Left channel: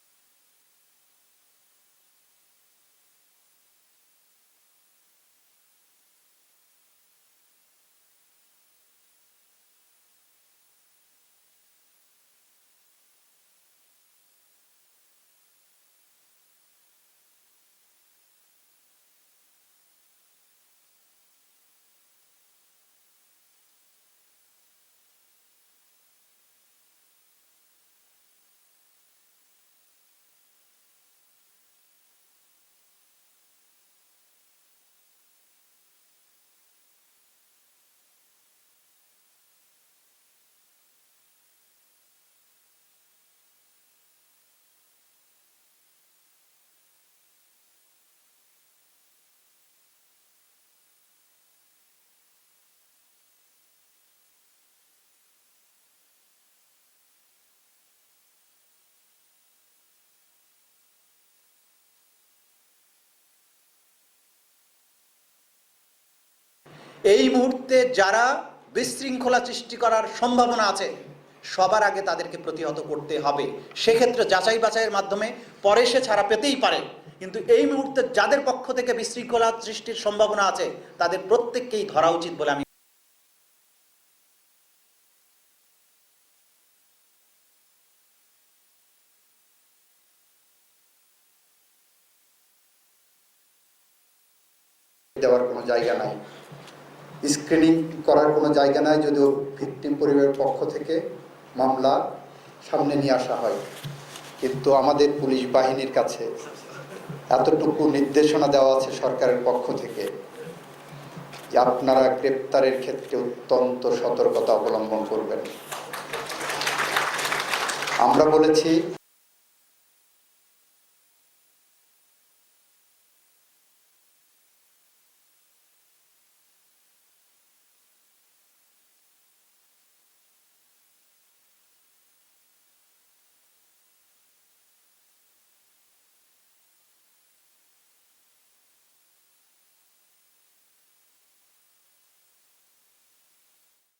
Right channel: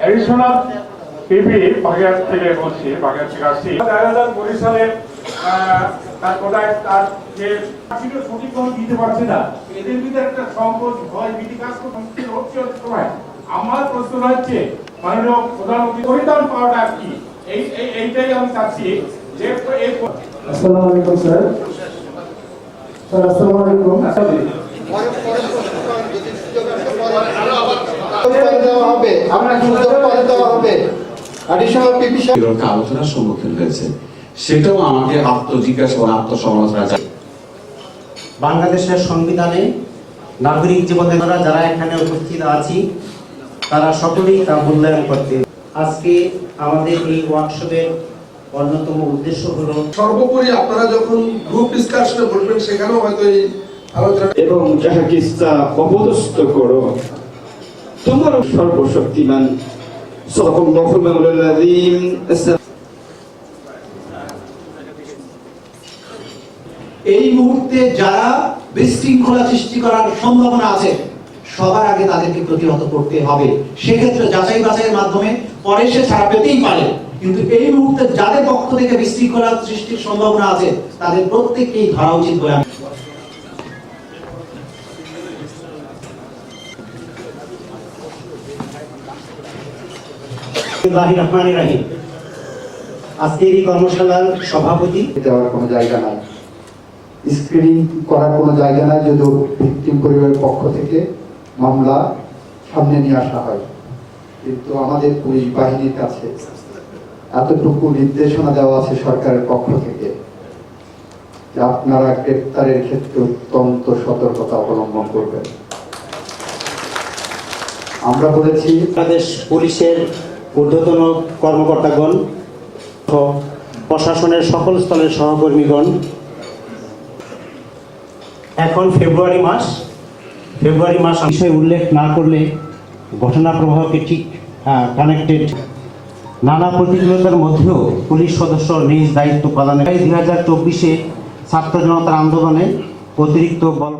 Additional পিপি বাগেরহাট থেকে বলছি বাগেরহাট থেকে আসছি। দায়রাদার বরিশালে তার কোথায় তার যে চাকরিটা সঠিকভাবে দিতে পারছে না এদের ভিতরে একটা সংকট ভয় ভীতি কাজ করতে হচ্ছে সময় আমার প্রশ্ন হচ্ছে মাননীয় প্রধানমন্ত্রী পরিধান পাওয়াটা কি? এই এই- এইটাই আমি চাচ্ছি যে এই আসসালামু আলাইকুম স্যার। স্যার আসসালামু আলাইকুম পরে দেওয়া হবে আপনার দেওয়া হবে। অ্যাডিশনাল পিপি আলোচনার সম্মুখীন হয়েছে? সেটাও আমাকে আত্মজিজ্ঞাসা এবং আত্মসমালোচনা বাংলাদেশের সংবিধানে নাগরিক জীবনের যারা এখানে উপস্থিত আছি তারা সকলেই তা মূল্যায়ন করতে আজকে আমাদের এই ওয়ার্কশপের অন্যতম উদ্দেশ্য হলো সর্বোপরি আপনারা যখন গ্রুপ ডিসকাশনে বসবেন সেখানেও হয়তো এই আলোচনা এবং যাহাকে ইচ্ছা অপদস্থ করো তোমার সর্বশক্তিমান এই মুহূর্তে যারা বিশৃঙ্খলা সৃষ্টি করার সম্ভাবনা আছে, সবার আগে তাদেরকে প্রতিহত করতে হবে। সেক্ষেত্রে যাচাই বাছাইয়ের মাধ্যমে পরে সে ছাড়া পেতেই পারে। কিন্তু এই মুহূর্তে যাদের পক্ষ থেকে বিশৃঙ্খলা সৃষ্টির সম্ভাবনা আছে, তাদের প্রত্যেককেই ধরা উচিত বলে আমি বিসমিল্লাহির রহমানির আজকের এই কর্মশালার সভাপতি দেওয়ার কোনো জায়গা নাই। স্ক্রিনিং করার কোনো জায়গা নাই যদিও ভিকটিম পরিবারের পক্ষ থেকে মামলা সামনে নিয়ে আসা হয়। কিন্তু আমাদের পুলিশ বাহিনীর কাছে এতটুকু নির্দেশনা দেওয়া আছে সরকারের পক্ষ থেকে যে আপনারা গ্রেপ্তারের ক্ষেত্রে অত্যন্ত সতর্কতা অবলম্বন করবেন। আমরা বলেছি বাংলাদেশ পুলিশের ঊর্ধ্বতন কর্মকর্তাগণ প্রশাসনের সকল স্তরের সহকর্মীগণ, এখন ফেব্রুয়ারি মাস। ফেব্রুয়ারি মাস বিষয়ে উল্লেখ না করলে ঘটনা প্রবাহকে ঠিক কানেক্টেড নানা প্রতিকূলতার মধ্যেও পুলিশ সদস্য নিজ দায়িত্ব পালনে। দুই হাজার চব্বিশে ছাত্র জনতার আন্দোলনে অতিরিক্ত বল